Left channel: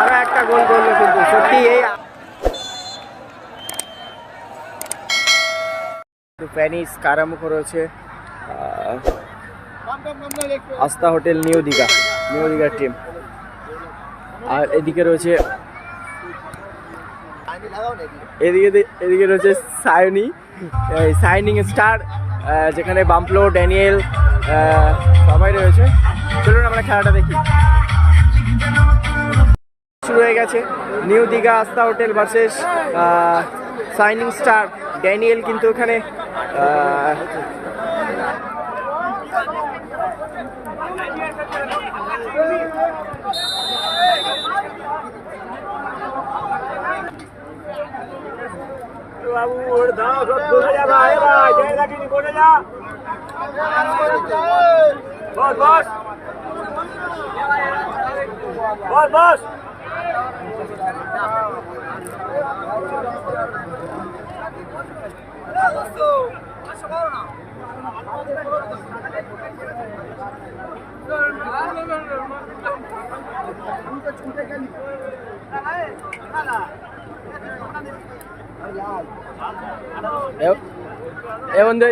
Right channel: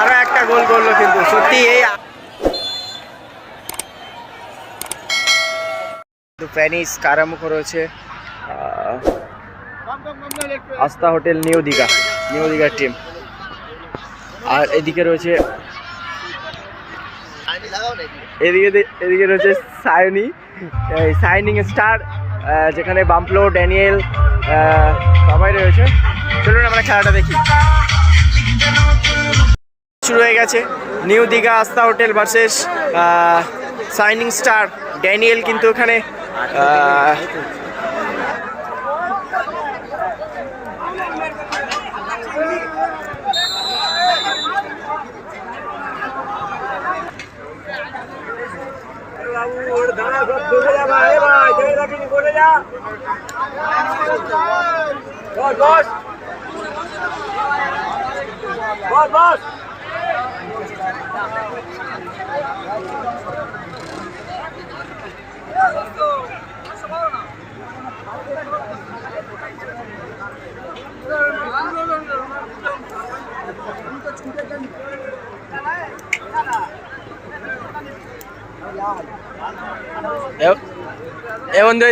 আরো একটা গোল করলো কিন্তু সত্যি এই প্যানিস কারামুখ রয়েছে আস্থা হোটেল নিউ দীঘার টিম। আর এদিকে রয়েছে এদিকে রয়েছে সাইনিং স্টার, যেখানে বাম্পলো, ড্যানিয়েল সবাই রয়েছে। চলুন আমরা খেলাটা দেখি। শুরু হয়ে গেছে নিউ দীঘা আস্থা hotel versus signing star. Daniel কিন্তু এখানে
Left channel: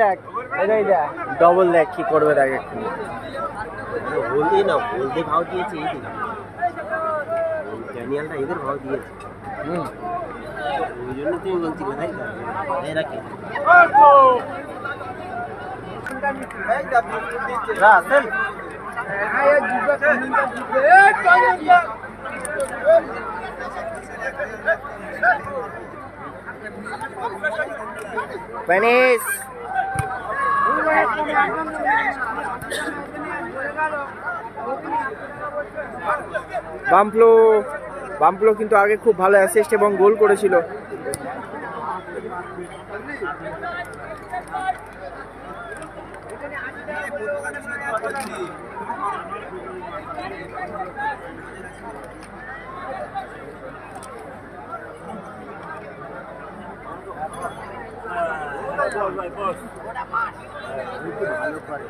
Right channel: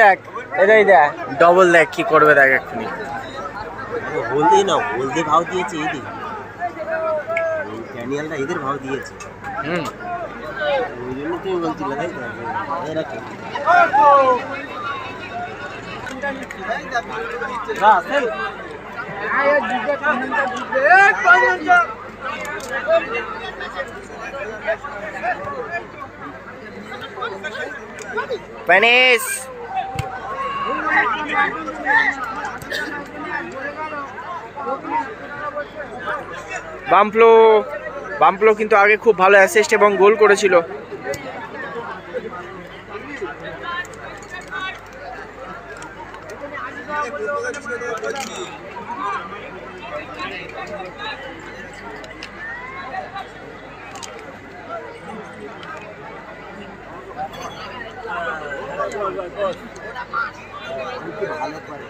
দেখ এটাই দেখ ডবল দেখ কি করবে দেখ এক্ষুনি। হলদি না, হলদি ভাও দিয়েছে এদের, ড্যানিয়েলরা এদের ভাও দিয়েছে। ওই জন্য তুমি বলছিলে তাই তো, এরা কি প্যানিস বাম্পলো কিন্তু আগে খুব ভালো অ্যাসিস্ট এবং গোল করেছিল। ভালো করে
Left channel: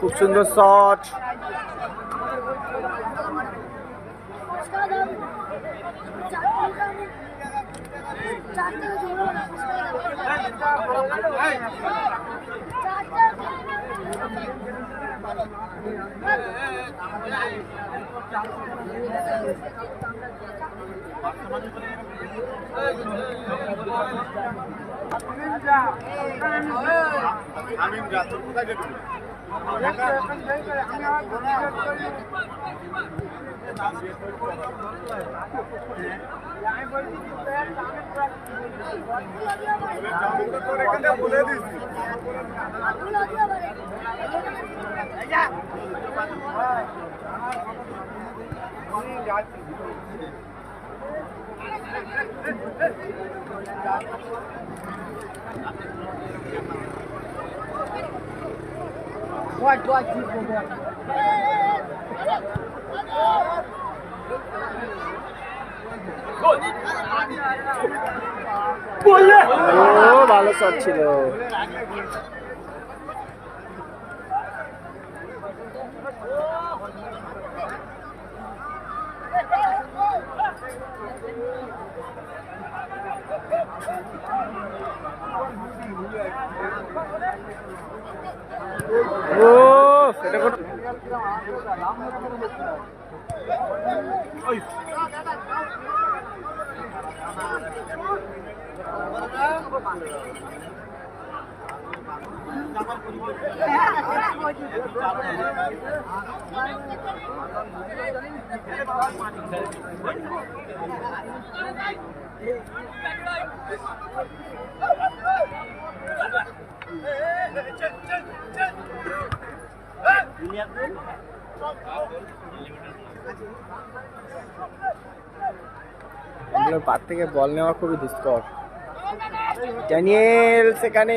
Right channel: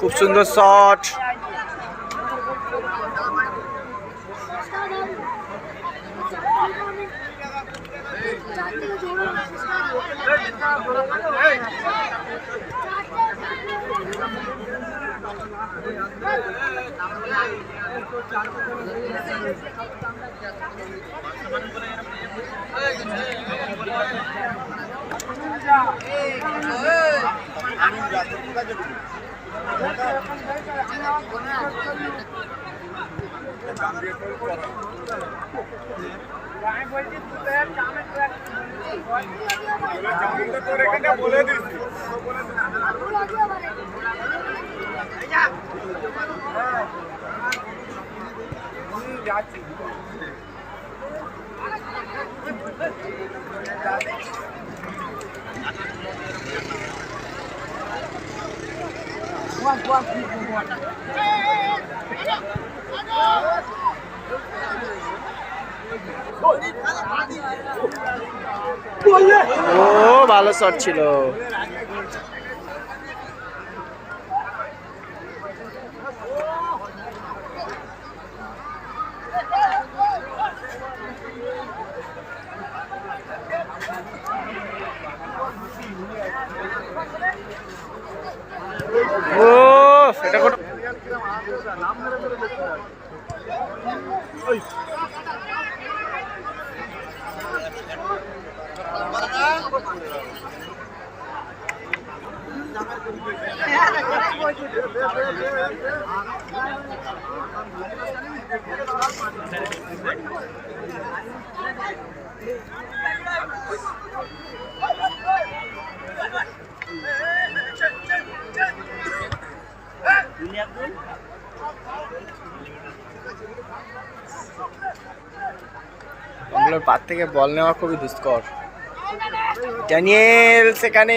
খুব সুন্দর শট। ও ভালো শট ছিল। ও এটা কোন কমলার পার থেকে বল নেওয়া খুবই দুষ্কর। ড্যানিয়েল সেখানে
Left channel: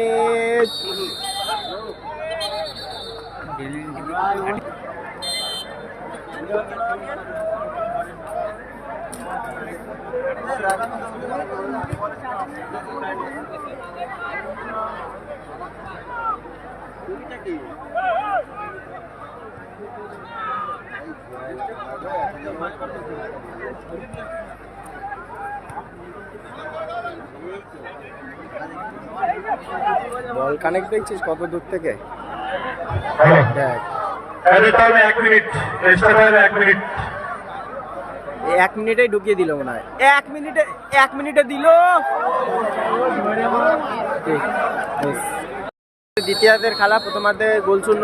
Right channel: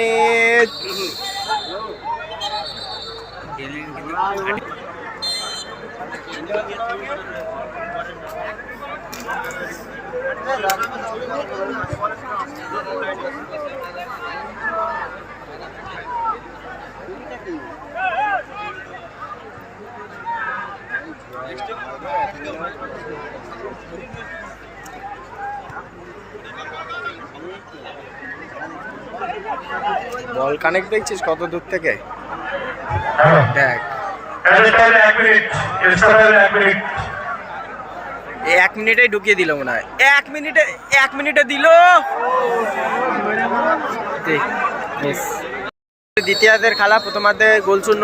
বল কানেক্ট দেখছিস কত দূর থেকে দেখ। 1 মিনিটেই ঢুকিয়ে দিল মনে হয়। 1 মিনিটে দিল। দ্বিতীয়ার্ধের খেলা, প্রথমার্ধে গোলশূন্য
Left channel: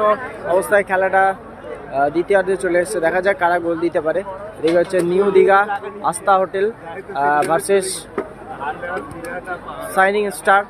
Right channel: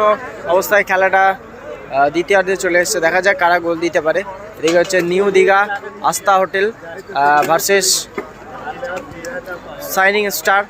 অবস্থায় খেলাটা দ্বিতীয়ার্ধে চলে এসছে। দেখা যাক কারা গোল দিতে পারে। এদিকে হচ্ছে নিউ দীঘা আস্থা হোটেল ভার্সেস শাইনিং স্টার।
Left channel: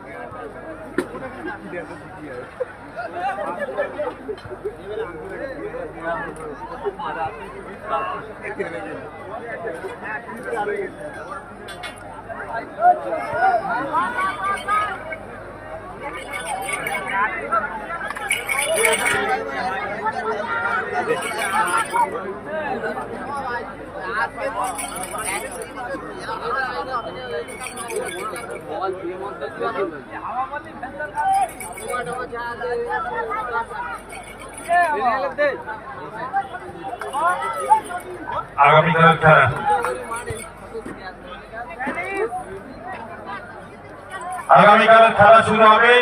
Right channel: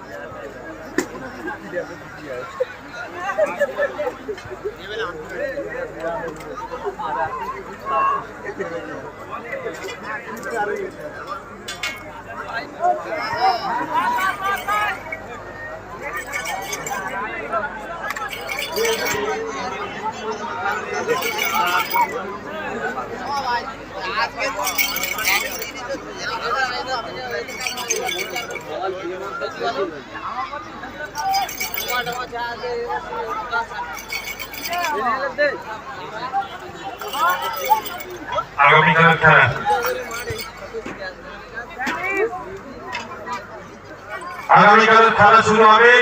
আগামীকালের খেলা শুরু হবে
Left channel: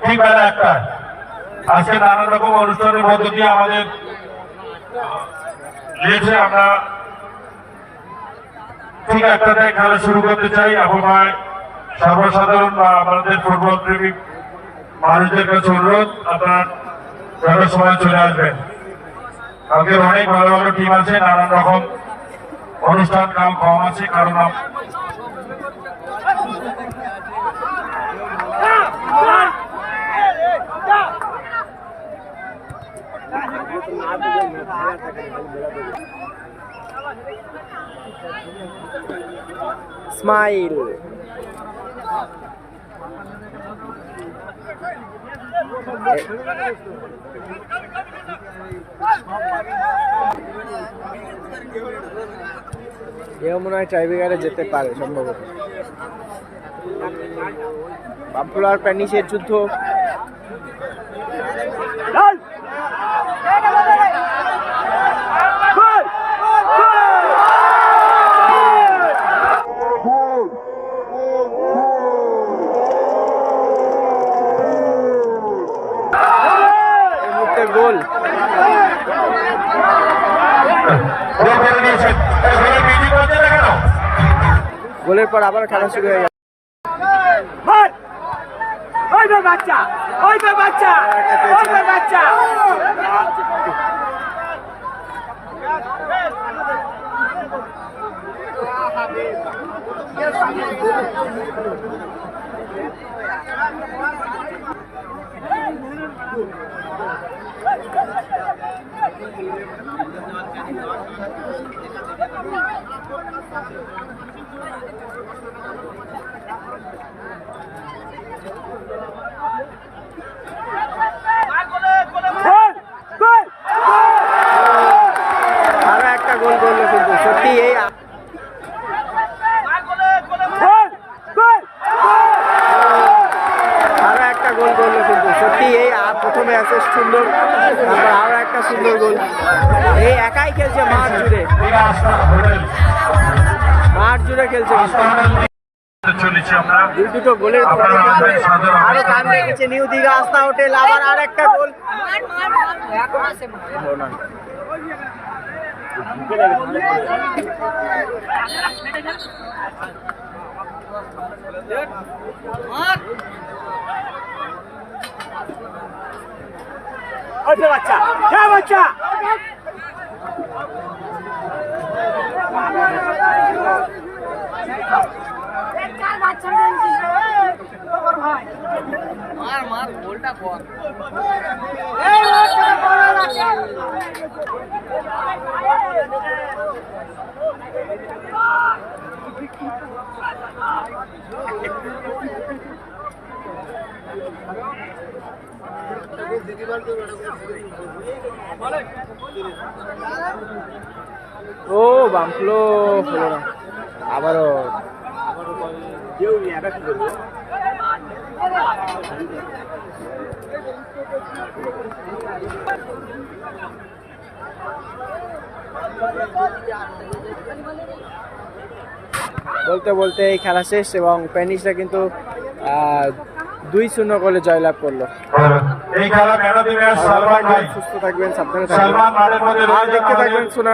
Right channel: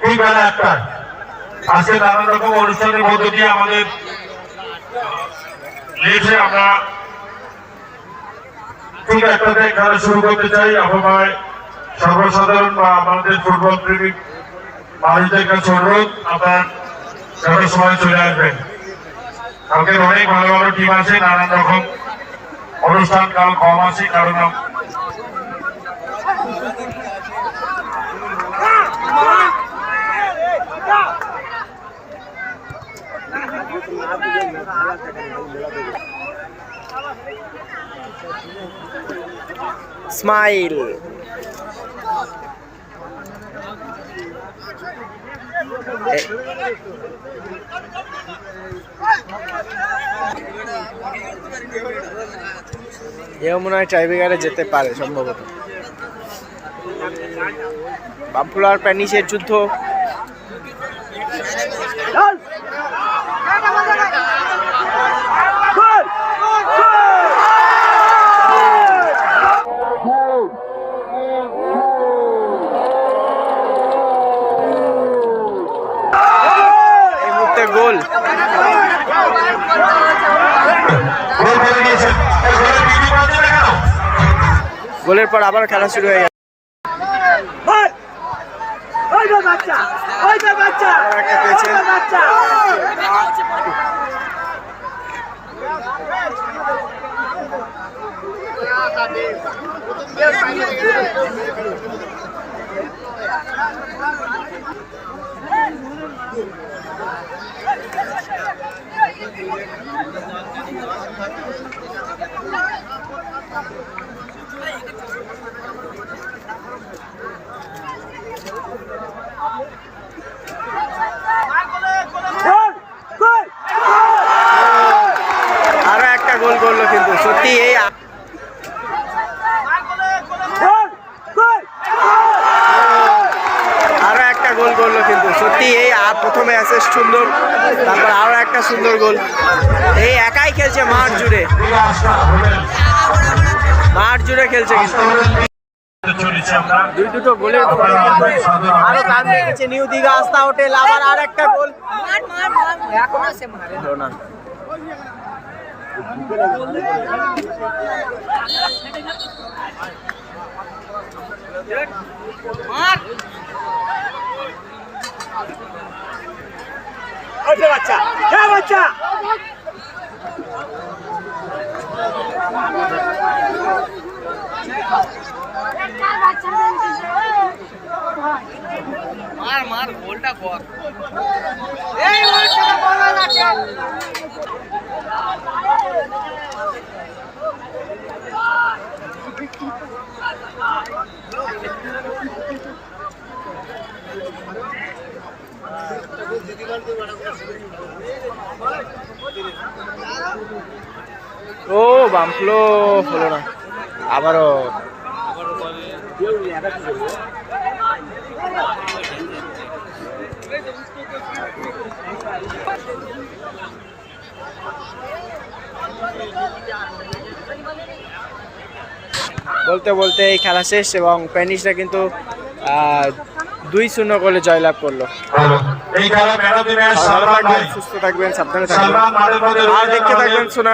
ঠিক বেলা 1টায়। আজকে নানান রকম অনুষ্ঠানের মধ্য দিয়ে আমাদের লিখে আমরা ঠিক 1টাতে খেলা শুরু করতে চাই। আমার সর্বসাধারণ বা আমাদের ফুটবল প্রেমিক মানুষদের কাছে অনুরোধ, আপনার যথাসময় সময় চলে আসবেন। কালকে অনেক ভালো ভালো টিম আছে, নানান রকম অনুষ্ঠান কাল কম আছে, কারণ স্মাইল এও মনে হয় টাইব্রেকারে যেতে পারে সম্ভবত। বাম্পুলা আর প্যানিসের যুদ্ধ। এই মুহূর্তে গোল। গোলের পর আবার খেলা শুরু হয়ে গেল। আরো একটা গোল করলো কিন্তু সত্যি এই আরো একটা গোল করলো কিন্তু সত্যি এই প্রথমে অ্যাসিস্ট সুন্দর, তারপর আরো একটা সুন্দর গোল। এই একাই খেলছে মাঠ জুড়ে, মাঠ জুড়ে খেলছে কিন্তু দুটো গোলের পরে কিন্তু আরো কান রেখেছে নিউ দীঘা আস্থা হোটেল। আবার আর একটা গোল। বাচ্চা বাচ্চা মার গোলটা কর। ও বাম্পলো হলো না, আবারও বলতে বলতে এই খেলা শেষ এবং প্যানিশরা কিন্তু 2-0 গোলে জয়লাভ করলো। এই খেলা ম্যান অফ দি ম্যাচ ভালো সালমান থাকবেন, ভাই। সুস্থ থাকবেন, সাবধানে থাকবেন সালমান মাঠের মধ্যে আর রয়েছেন দেখতে আমাদের থাকবেন সোনা